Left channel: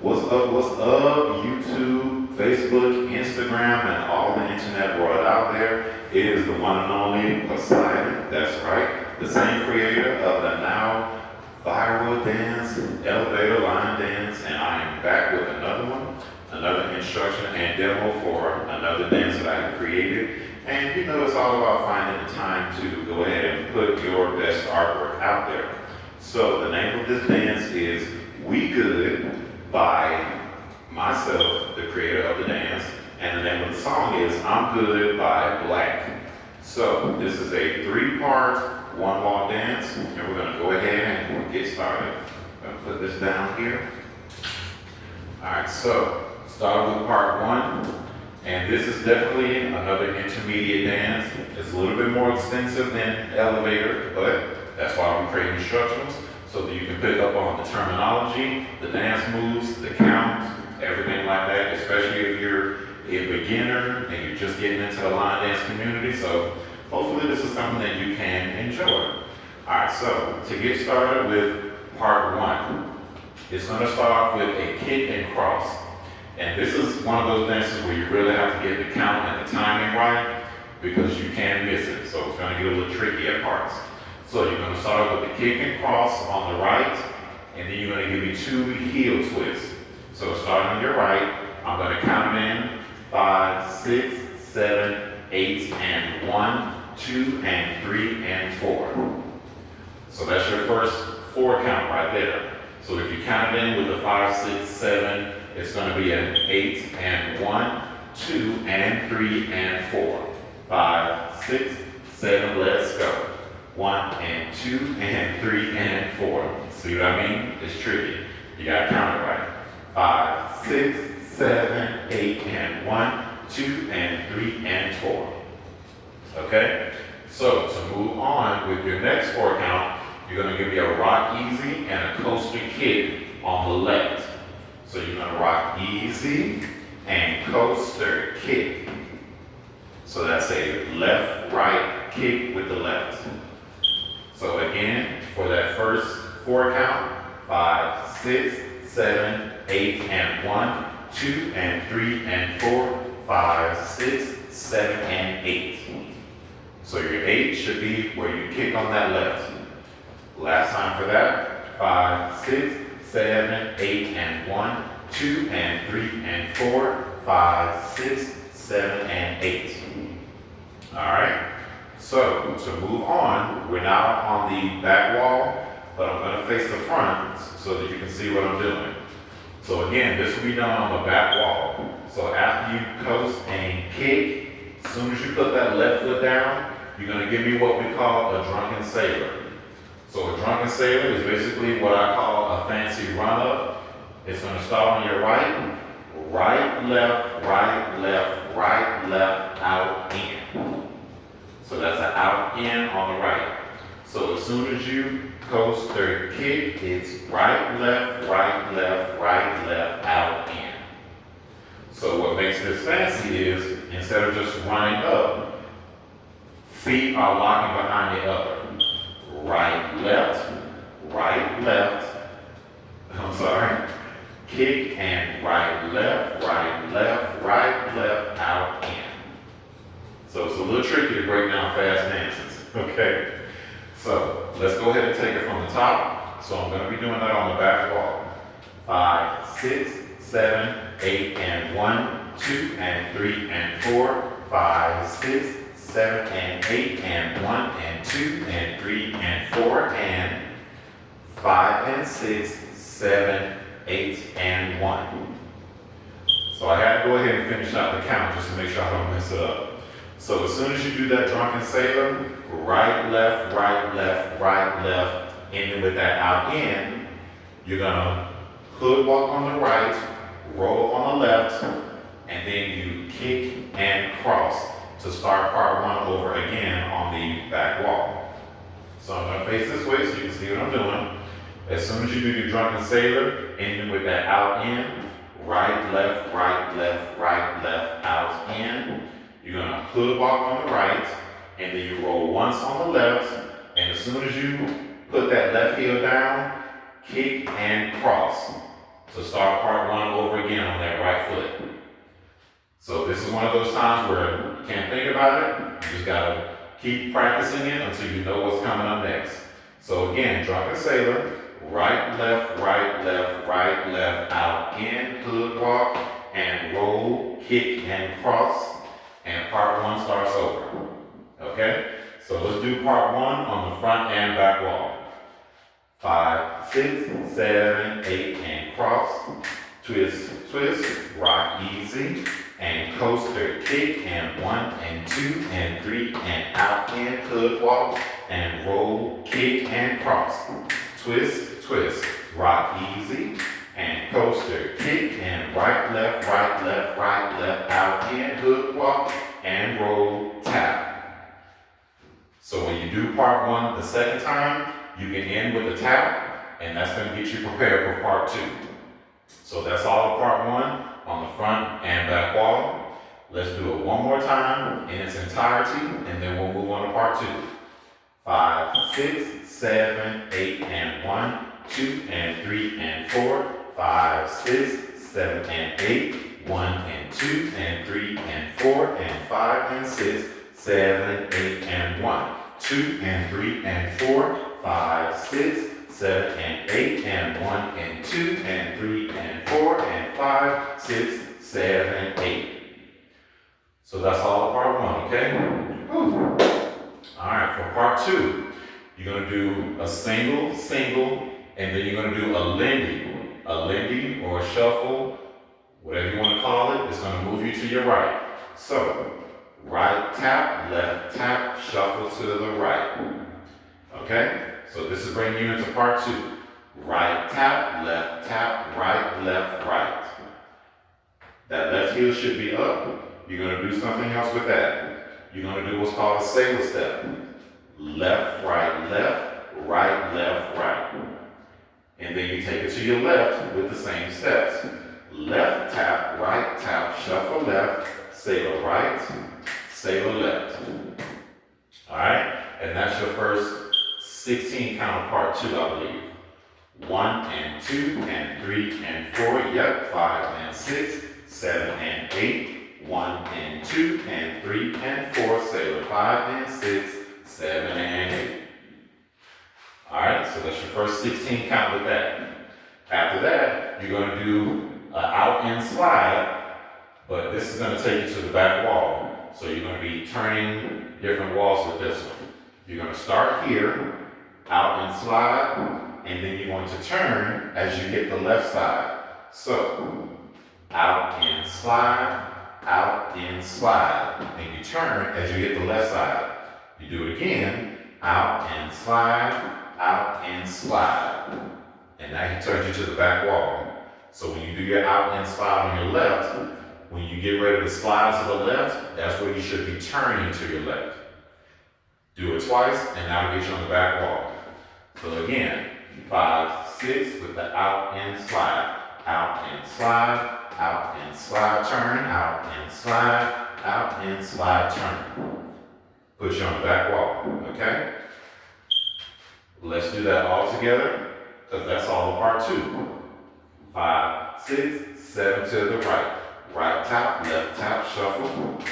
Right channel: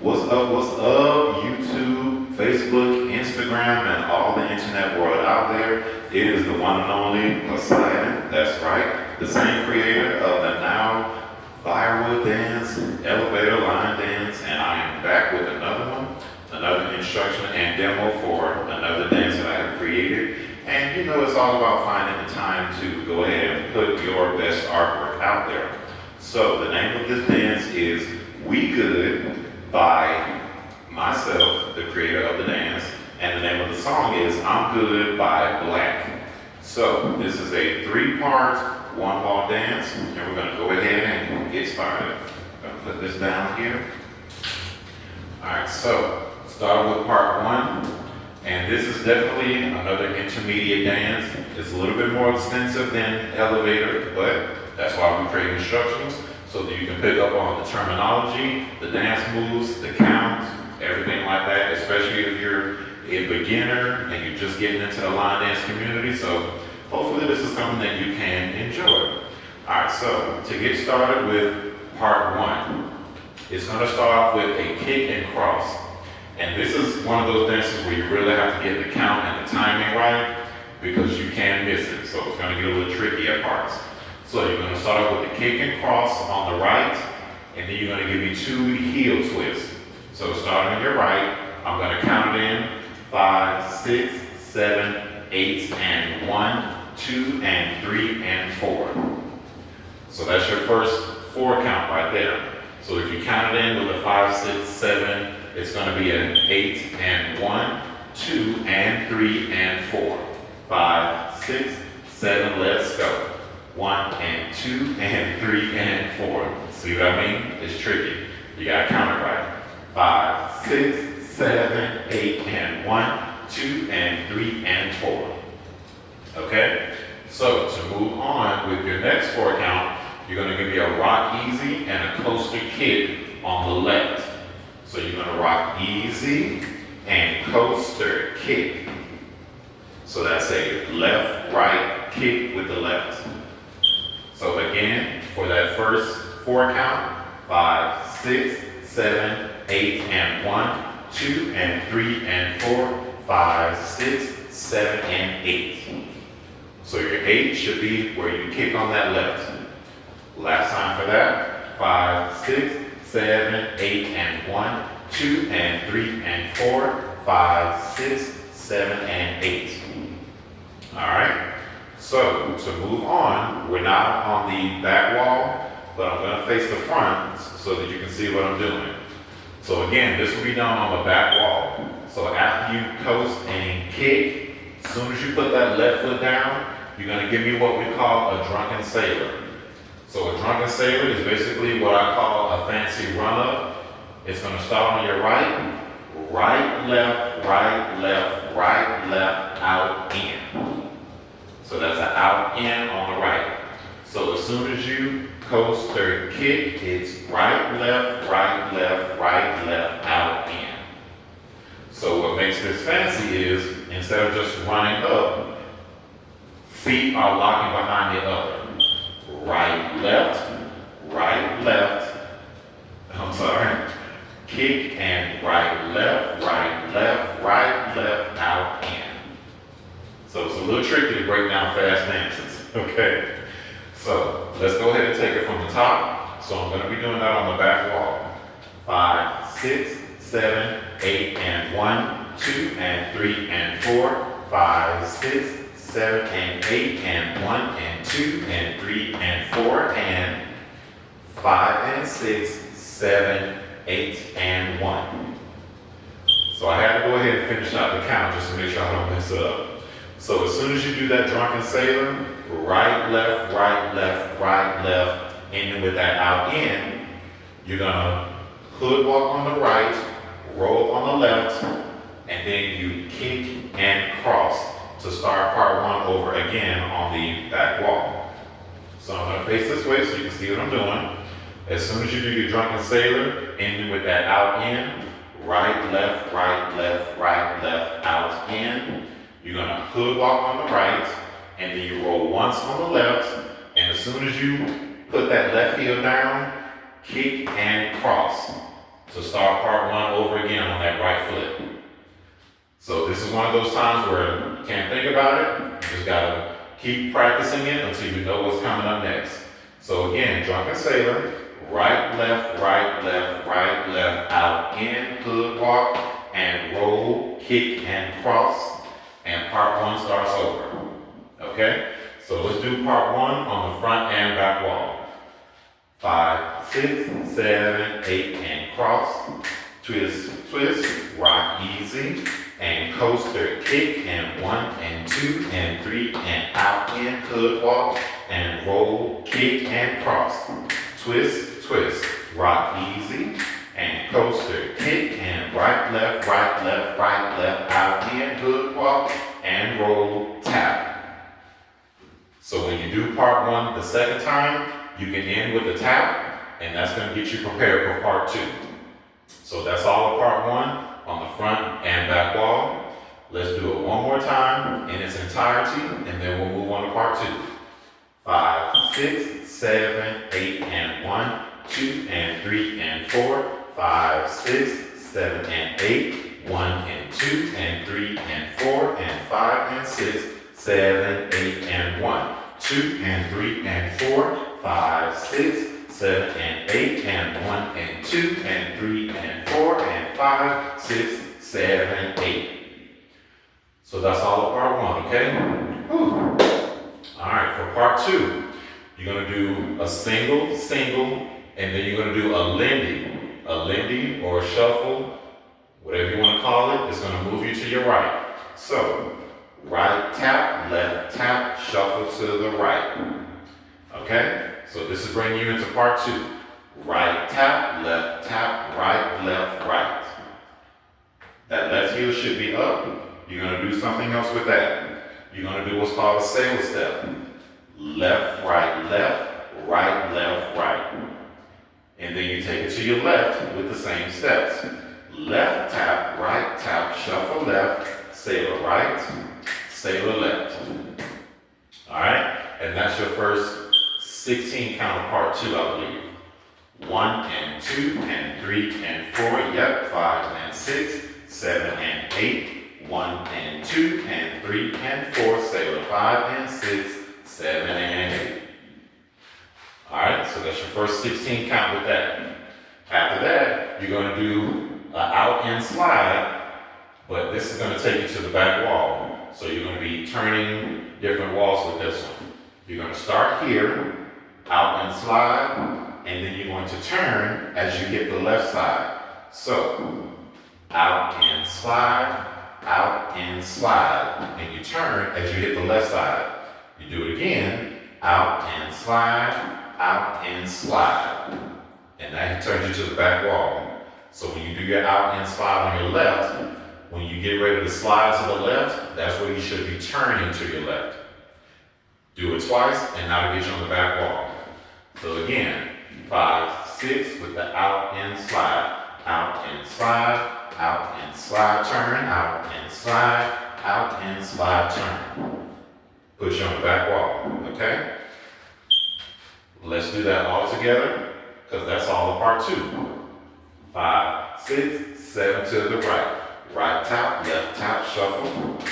What's up, YouTube, Facebook, Instagram, and all the internet world out there? It is the one and only Poseidon, that's right, the same creator of the now viral dance, elevator line dance, and I am back with another one, another instruction and demo for another dance that I have created. And you know, it's all about finding the time to go ahead and put your best artwork out there. So the name of this dance is We Good by myself, the creator of the dance, and the name of the song is I'm Good by Blaque. So this is a 3-part, one-wall dance, and we're going to go ahead and get started. I'm going to put this down here. Alright, so start with part 1, and this is definitely another intermediate dance. It's a little bit more extensive than elevator, but that's why we create instructions, so that you can pick up on the terminology, the dance moves, the count, everything like that, especially if you're a beginner and you're just getting into the line dance community. So hopefully this is something that you can enjoy. All right, so to get started with part 1, it's going to start off with a kick and cross. And this is one of those dances where you really have to get the count and the timing right, because you can miss it. So it's going to get a little tricky at parts. So you're going to start off with the kick and cross on the right, and then you're going to give me 2 heel twists. So starting on your right, I'm going to count it in 5, 6, 7, 8, and 1, 2, and 3, and 4. So that's your first 4 count right there. So if you count it in with a 5, 6, 7, it's going to be an 8 and 1, 2, and 3, and 4. 5, 6, 7, let's go. 1 and 2 and 3 and 4. See what I mean? It's tricky. You gotta count it right. 5, 6, 7, 8, and 1, 2, and 3, and 4. Okay? So to move on with your next 4 count, you're gonna give me a rock easy and a coaster kick on the left. So you're gonna rock easy and coaster kick. So that's a left, right kick with the left. So again, for that first 4 count, 5, 6, 7, 8, and 1, 2, and 3, and 4, 5, 6, 7, and 8. So your 8 should be where you kick on that left. Last time for that, 5, 6, 7, 8, and 1, 2, and 3, and 4, 5, 6, 7, and 8. All right. So to move on, we're now on the back wall, but I'm going to face the front so that you can see what I'm doing. So again, this will be done on the back wall. So after you coast and kick, as soon as you put that left foot down, you're going to give me what we call a drunken sailor. So a drunken sailor is basically what I call a fancy run-up. It's going to start on your right, right, left, right, left, right, left, out, in. So that's an out, in on the right. So as soon as you coast or kick, it's right, left, right, left, right, left, out, in. So what makes this fancy is, instead of just running up, feet are locking behind the other. Right, left, I'm sorry, kick and right, left, out, in. So it's a little tricky to break down fast dances, okay? So let's go ahead and take it from the top. So I'm going to be doing that on the back wall. 5, 6, 7, 8, and 1, 2, and 3, and 4, 5, 6, 7, and 8, and 1, and 2, and 3, and 4, and 5, and 6, 7, 8, and 1. So I had to go ahead and finish out the count just to make sure I don't mess it up. So as soon as you do that drunken sailor, right, left, ending with that out in, you're gonna hood walk on the right, roll on the left, and then you kick and cross to start part 1 over again on the back wall. So I'm gonna face this way so you can see what I'm doing. As soon as you do your drunken sailor, ending with that out in, right, left, out, in, you're going to hood walk on the right, and then you roll once on the left, and as soon as you put that left heel down, kick and cross. So start part one over again on that right foot. So this is one of those times where you can't think about it. You just gotta keep practicing it until you know what's coming up next. So again, drunken sailor, right, left, right, left, right, left, out, in, hood walk, and roll, kick, and cross. And part one starts over. Okay? So let's do part one on the front and back wall. 5, 6, 7, 8, and cross. Twist, twist, rock easy, and coaster, kick, and 1, and 2, and 3, and out, in, hood walk, and roll, kick, and cross. Twist, twist, rock easy, and coaster, kick, and right, left, right, left, right, left, out, in, hood walk, and roll, tap. So when you do part one the second time, you can end with a tap, and that's going to get you prepared for part two. So that's all of part one on the front and back wall. Let's do it one more time in its entirety, and then we'll move on to part two. 5, 6, 7, 8, and 1, 2, and 3, and 4, 5, 6, 7, and 8, 1, and 2, and 3, and 4, and 5, and 6, 7, 8, and 1, 2, and 3, and 4, 5, 6, 7, and 8, and 1, and 2, and 3, and 4, and 5, 6, 7, 8. So that's all of part one, okay? Whew. All right, for part two, you're going to do a single, single, and then you're going to do a lindy or a shuffle, whatever you want to call it. It's going to move you to your right. So, right tap, left tap, shuffle to the right. Okay? So this is bringing you into part two. Right tap, right, left, right. That left heel should be up. You're going to do something else with that. You're going to do what's called a sailor step. Left, right, left, right. And then you take it to your left with the same steps. Left tap, right tap, shuffle left, sailor right, sailor left. All right? And that's your first 16 count of part two, I believe. 1 and 2 and 3 and 4, yep, 5 and 6, 7 and 8, 1 and 2 and 3 and 4, sailor 5 and 6, 7 and 8. Alright, so that's your first 16 count with that. After that, you're going to do an out and slide, but this is going to take you to the back wall. So you're going to be turning different walls with this one. You're going to start here, out and slide, and then you're going to turn as you hit the left side. So, out and slide, and you turn as you hit the left side. You do it again, out and slide, and that turns you to the back wall. So when you do your out and slide on your left, when you get ready to slide to the left, that's where you should be turning to your left. Do it twice, and that'll get you on the back wall. So again, 5, 6 with the out and slide, turn, out and slide, turn. Put you on the back wall, okay? Let's do that all together, because that's all of part two. 5, 6, 7 to the right. Right tap, left tap, shuffle.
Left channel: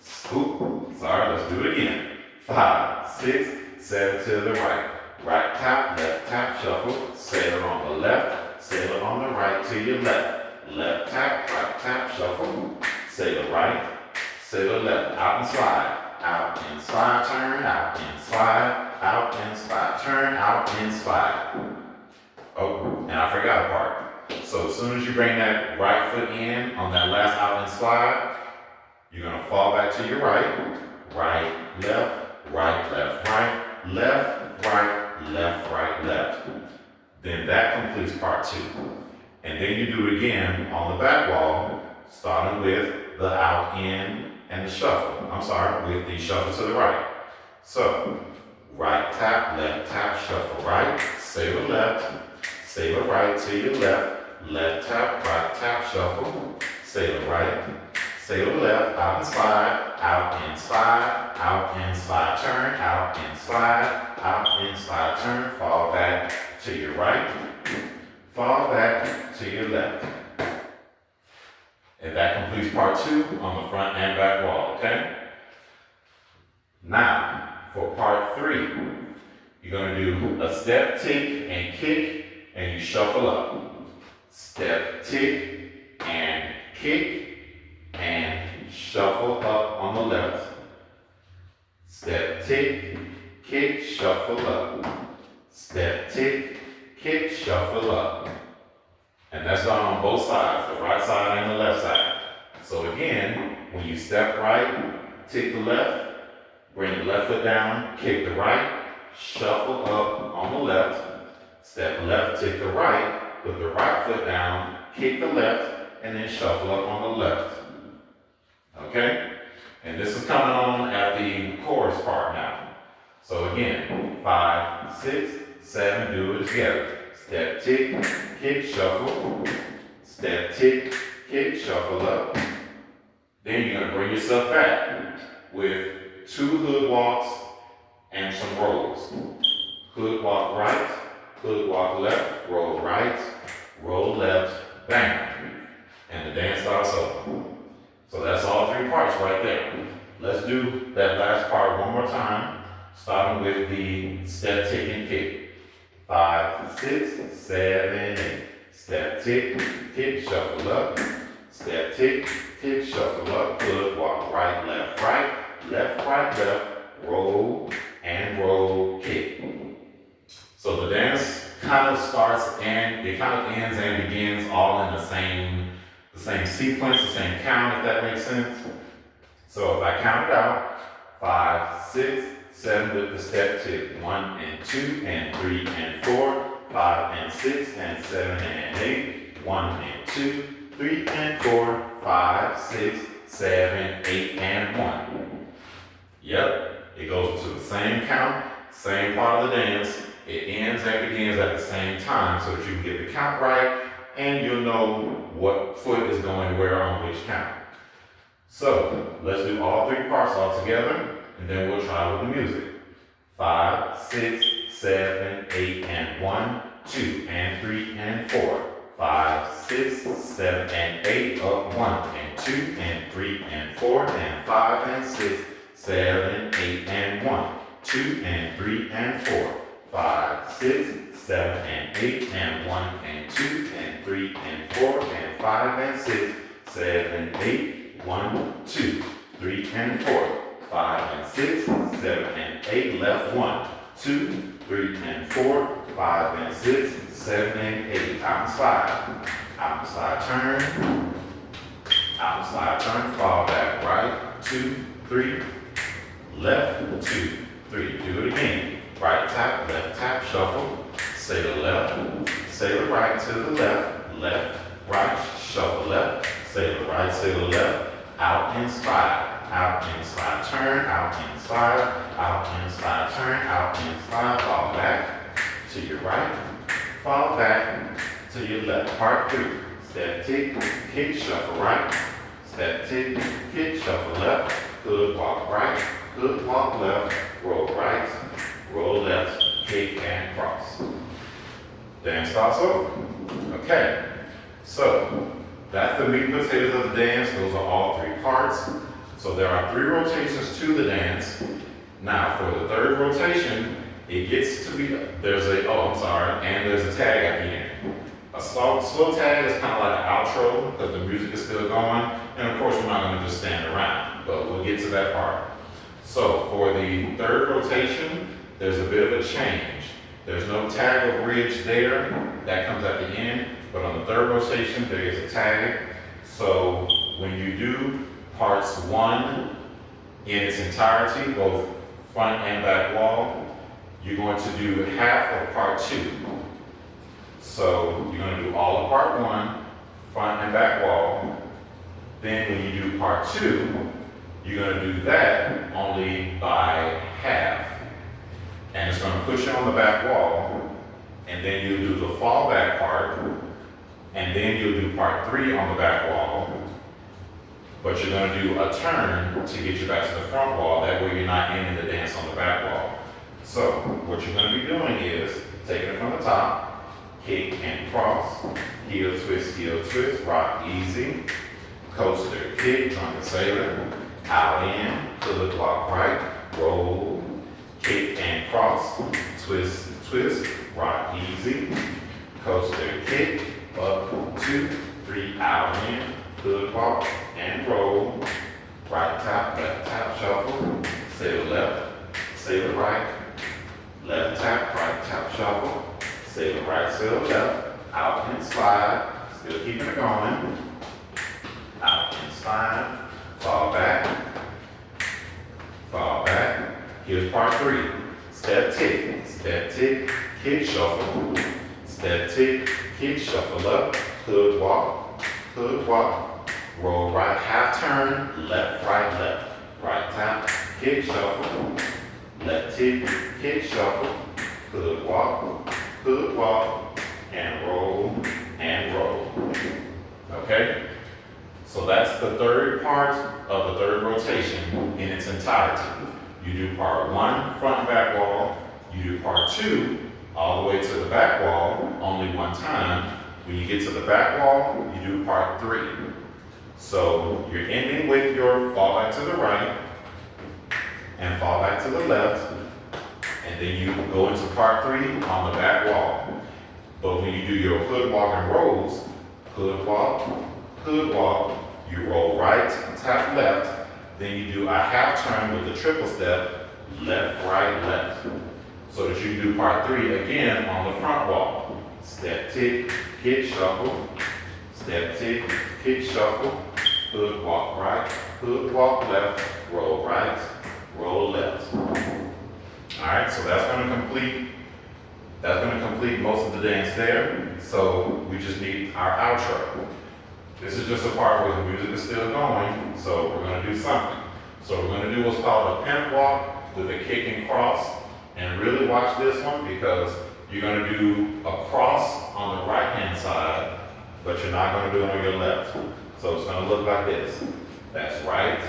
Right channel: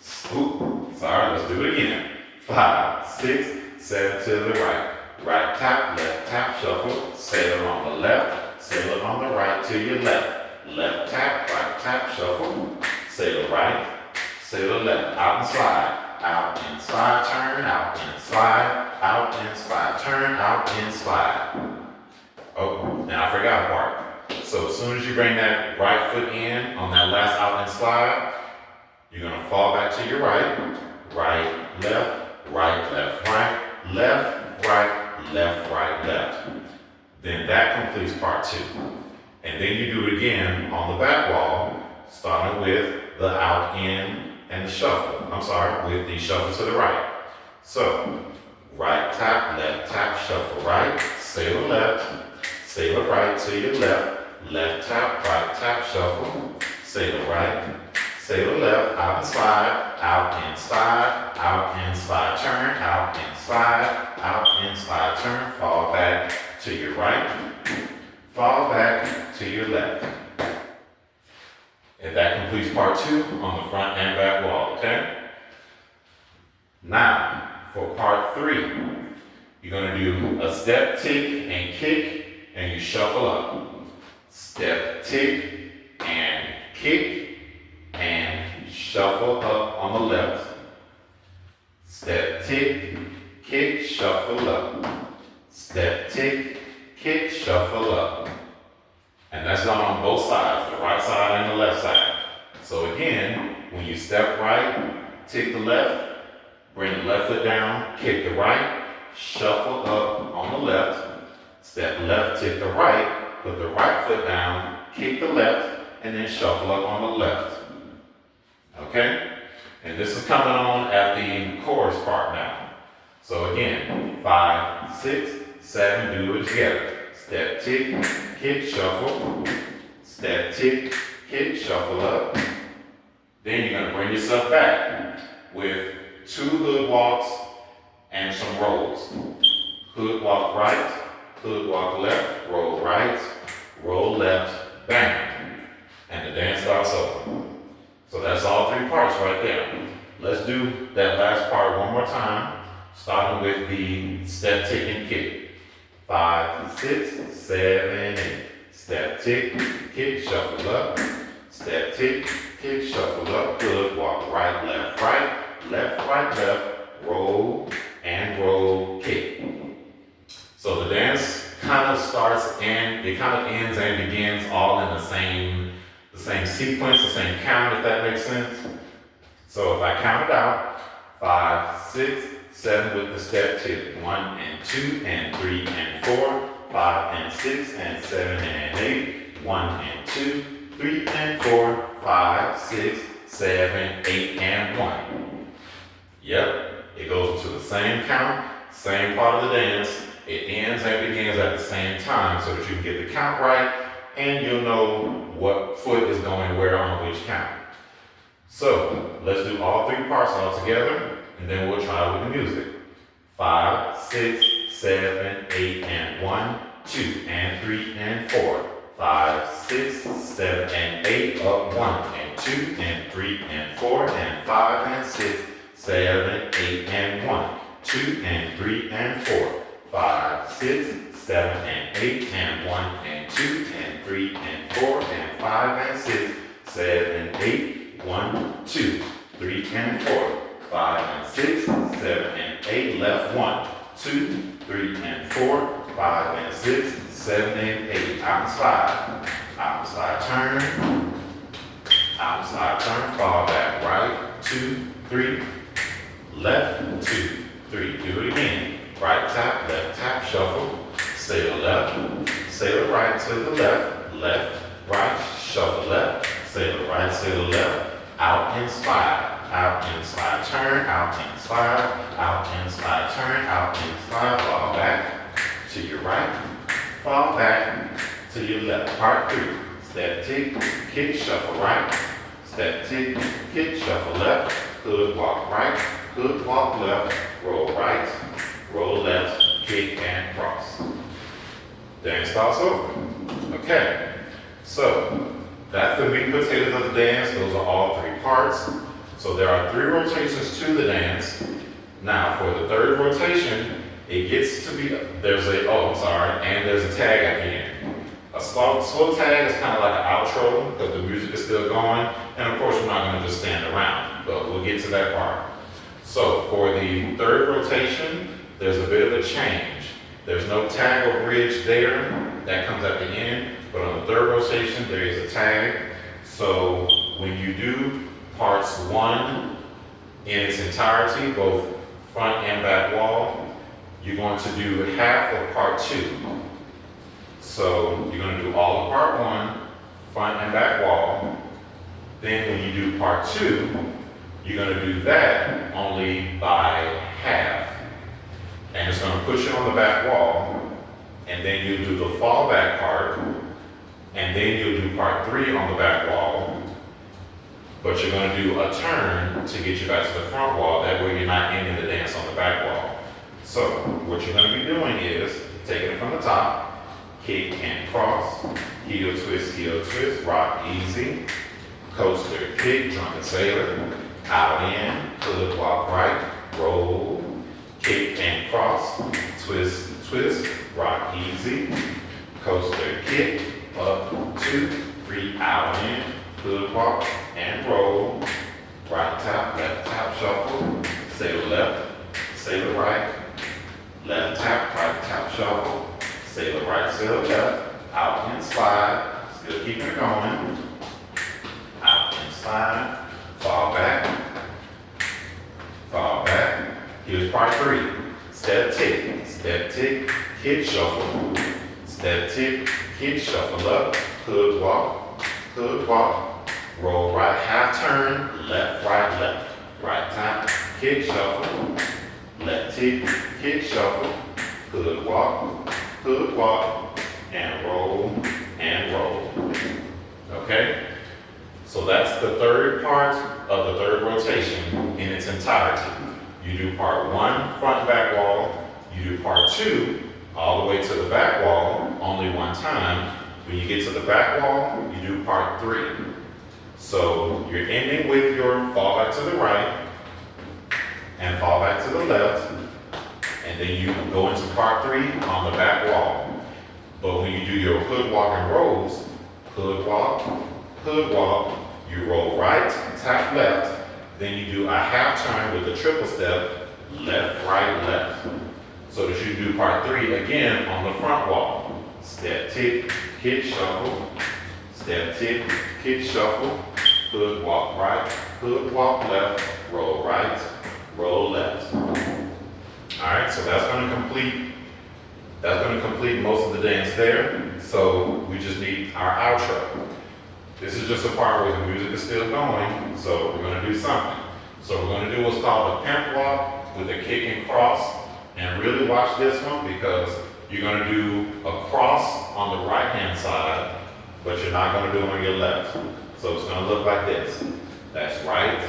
Scoop. Sorry, let's do it again. 5, 6, 7 to the right. Right tap, left tap, shuffle. Sailor on the left, sailor on the right to your left. Left tap, right tap, shuffle. Sailor right, sailor left. Out and slide. Out and slide, turn, out and slide, turn, out and slide. Oh, and I forgot a part. So as soon as you bring that right foot in on that last out and slide, you're going to fall back to your right, left, right, left. Then that completes part two. And then you do it again on the back wall, starting with the out, in, and the shuffle. With the shuffle to the right. So, right tap, left tap, shuffle right, sailor left, sailor right to your left tap, right tap, shuffle, sailor right, sailor left, out and slide, turn, out and slide, turn, fall back to your right, fall back to your left. 2 on the front and back wall, okay? Now, for part 3, you're going to do a step, tick, and kick, and you shuffle up. Step, tick, and kick, and shuffle up on the left. Step, tick, kick, shuffle up. Step, tick, kick, shuffle up. And that's done on both sides, the right side and the left side. So again, when you step right, tick the left, bring the left foot down, kick the right, shuffle up on the left, step left, tick the right, put the right foot down, kick the left, and then shuffle up on the left. Okay? And this is coming on at the chorus part now. So again, 5, 6, 7, do it together. Step, tick, kick, shuffle. Step, tick, kick, shuffle up. Then you're going to bring yourself back with 2 hood walks and some rolls. Hood walk right, hood walk left, roll right, roll left, bang. And the dance starts over. So that's all 3 parts right there. Let's do that last part one more time, starting with the step, tick, and kick. 5, 6, 7, 8. Step, tick, kick, shuffle up. Step, tick, kick, shuffle up. Hood walk right, left, left, roll, and roll, kick. So the dance kind of starts and it kind of ends and begins all in the same sequence, the same count, if that makes sense. So if I count it out, 5, 6, 7 with the step tick, 1 and 2 and 3 and 4, 5 and 6 and 7 and 8, 1 and 2, 3 and 4, 5, 6, 7, 8 and 1. Yep, it goes into the same count, same part of the dance. It ends and begins at the same time so that you can get the count right and you'll know what foot is going where on which count. So let's do all 3 parts all together and then we'll try with the music. 5, 6, 7, 8 and 1, 2 and 3 and 4. 5, 6, 7 and 8 up 1 and 2 and 3 and 4 and 5 and 6, 7, 8 and 1, 2 and 3 and 4. 5, 6, 7 and 8 and 1 and 2 and 3 and 4 and 5 and 6, 7, 8, 1, 2, 3 and 4. 5 and 6, 7 and 8, left 1, 2, 3 and 4, 5 and 6, 7 and 8, out and slide. Out and slide, turn. Out and slide, turn, fall back, right, 2, 3, left, 2, 3. Do it again. Right tap, left tap, shuffle. Say the left, say the right to the left, left, right, shuffle left. Say the right, say the left, out and slide. Out and slide, turn, out and slide, out and slide, turn, out and slide, fall back to your right, fall back to your left. Part 3, step, tick, kick, shuffle right, step, tick, kick, shuffle left, hood walk right, hood walk left, roll right, roll left, kick and cross. Dance starts over. Okay, so that's the meat and potatoes of the dance. Those are all 3 parts. So there are 3 rotations to the dance. Now for the 3rd rotation, it gets to be, there's a tag at the end. A slow tag is kind of like an outro because the music is still going. And of course, we're not going to just stand around, but we'll get to that part. So for the 3rd rotation, there's a bit of a change. There's no tag or bridge there. That comes at the end. But on the 3rd rotation, there is a tag. So when you do parts 1 in its entirety, both front and back wall, you're going to do half of part 2. So you're going to do all of part 1, front and back wall. Then when you do part 2, you're going to do that only by half. And it's going to push it on the back wall. And then you'll do the fall back part. And then you'll do part 3 on the back wall. But you're going to do a turn to get you back to the front wall. That way you're not ending the dance on the back wall. So what you're going to be doing is taking it from the top, kick and cross, heel twist, rock easy, coaster, kick, drunken sailor, out in, hood walk right, roll, kick and cross, twist, twist, rock easy, coaster, kick, up, 2, 3, out in, hood walk and roll, right tap, left tap, shuffle, sailor left, sailor right, left tap, right tap, shuffle, sailor right, sailor left, out and slide, still keeping it going, out and slide, fall back, here's part 3, step tick, kick shuffle, step tick, kick shuffle up, hood walk, roll right, half turn, left, right tap, kick shuffle, left tick, kick shuffle, hood walk, and roll, okay? So that's the third part of the third rotation in its entirety. You do part 1, front and back wall, you do part 2, all the way to the back wall, only one time. When you get to the back wall, you do part 3. So you're ending with your fall back to the right and fall back to the left, and then you go into part 3 on the back wall. But when you do your hood walk and rolls, hood walk, you roll right, tap left, then you do a half turn with a triple step, left, right, left. So that you do part 3 again on the front wall. Step, tick, kick, shuffle, step, tick, kick, shuffle, hood walk right, hood walk left, roll right, roll left. All right, so that's going to complete most of the dance there. So we just need our outro. This is just a part where the music is still going, so we're going to do something. So we're going to do what's called a pimp walk with a kick and cross. And really watch this one because you're going to do a cross on the right-hand side, but you're not going to do it on your left. So it's going to look like this. That's right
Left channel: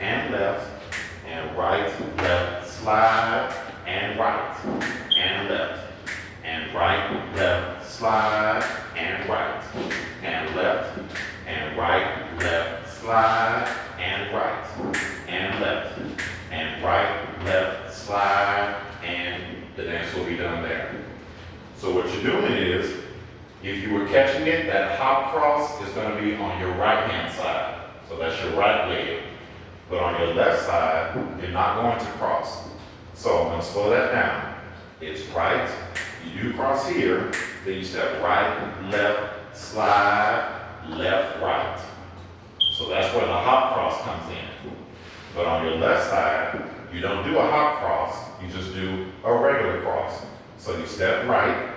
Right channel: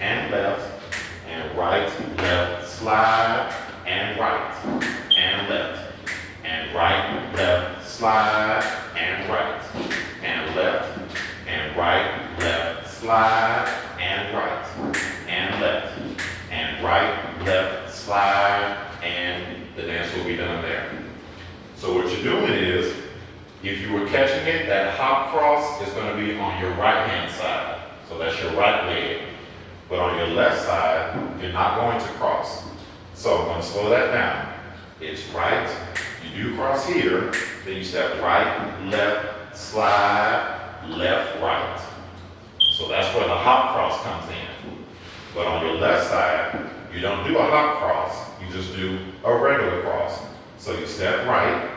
and left, slide, and right, and left, and right, left, slide, and right, and left, and right, left, slide, and right, and left, and right, left, slide, and the dance will be done there. So what you're doing is, if you were catching it, that hop cross is going to be on your right-hand side. So that's your right leg. But on your left side, you're not going to cross. So I'm going to slow that down. It's right, you do cross here, then you step right, left, slide, left, right. So that's where the hop cross comes in. But on your left side, you don't do a hop cross, you just do a regular cross. So you step right,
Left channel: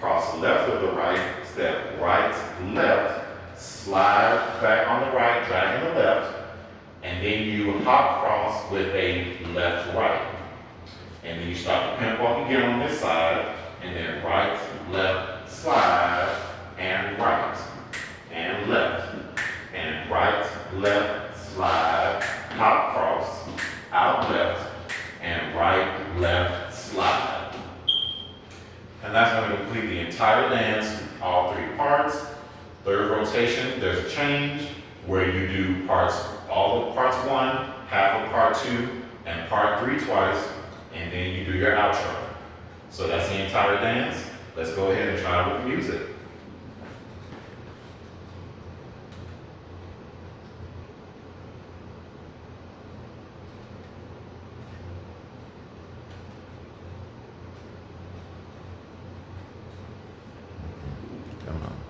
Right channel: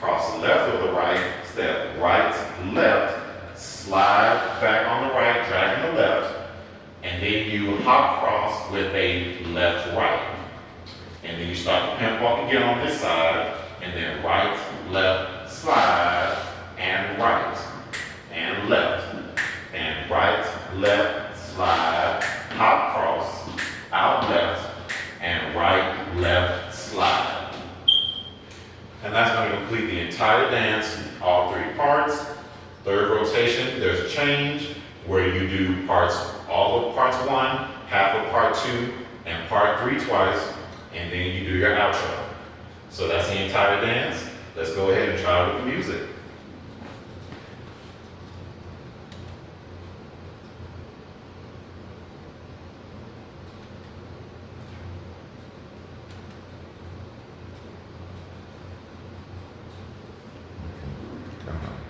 cross left with the right, step right, left, slide back on the right, dragging the left, and then you hop cross with a left, right. And then you start the pimp walk again on this side, and then right, left, slide, and right, and left, and right, left, slide, hop cross, out left, and right, left, slide. And that's going to complete the entire dance, all 3 parts. Third rotation, there's a change where you do all of parts 1, half of part 2, and part 3 twice, and then you do your outro. So that's the entire dance. Let's go ahead and try it with the music.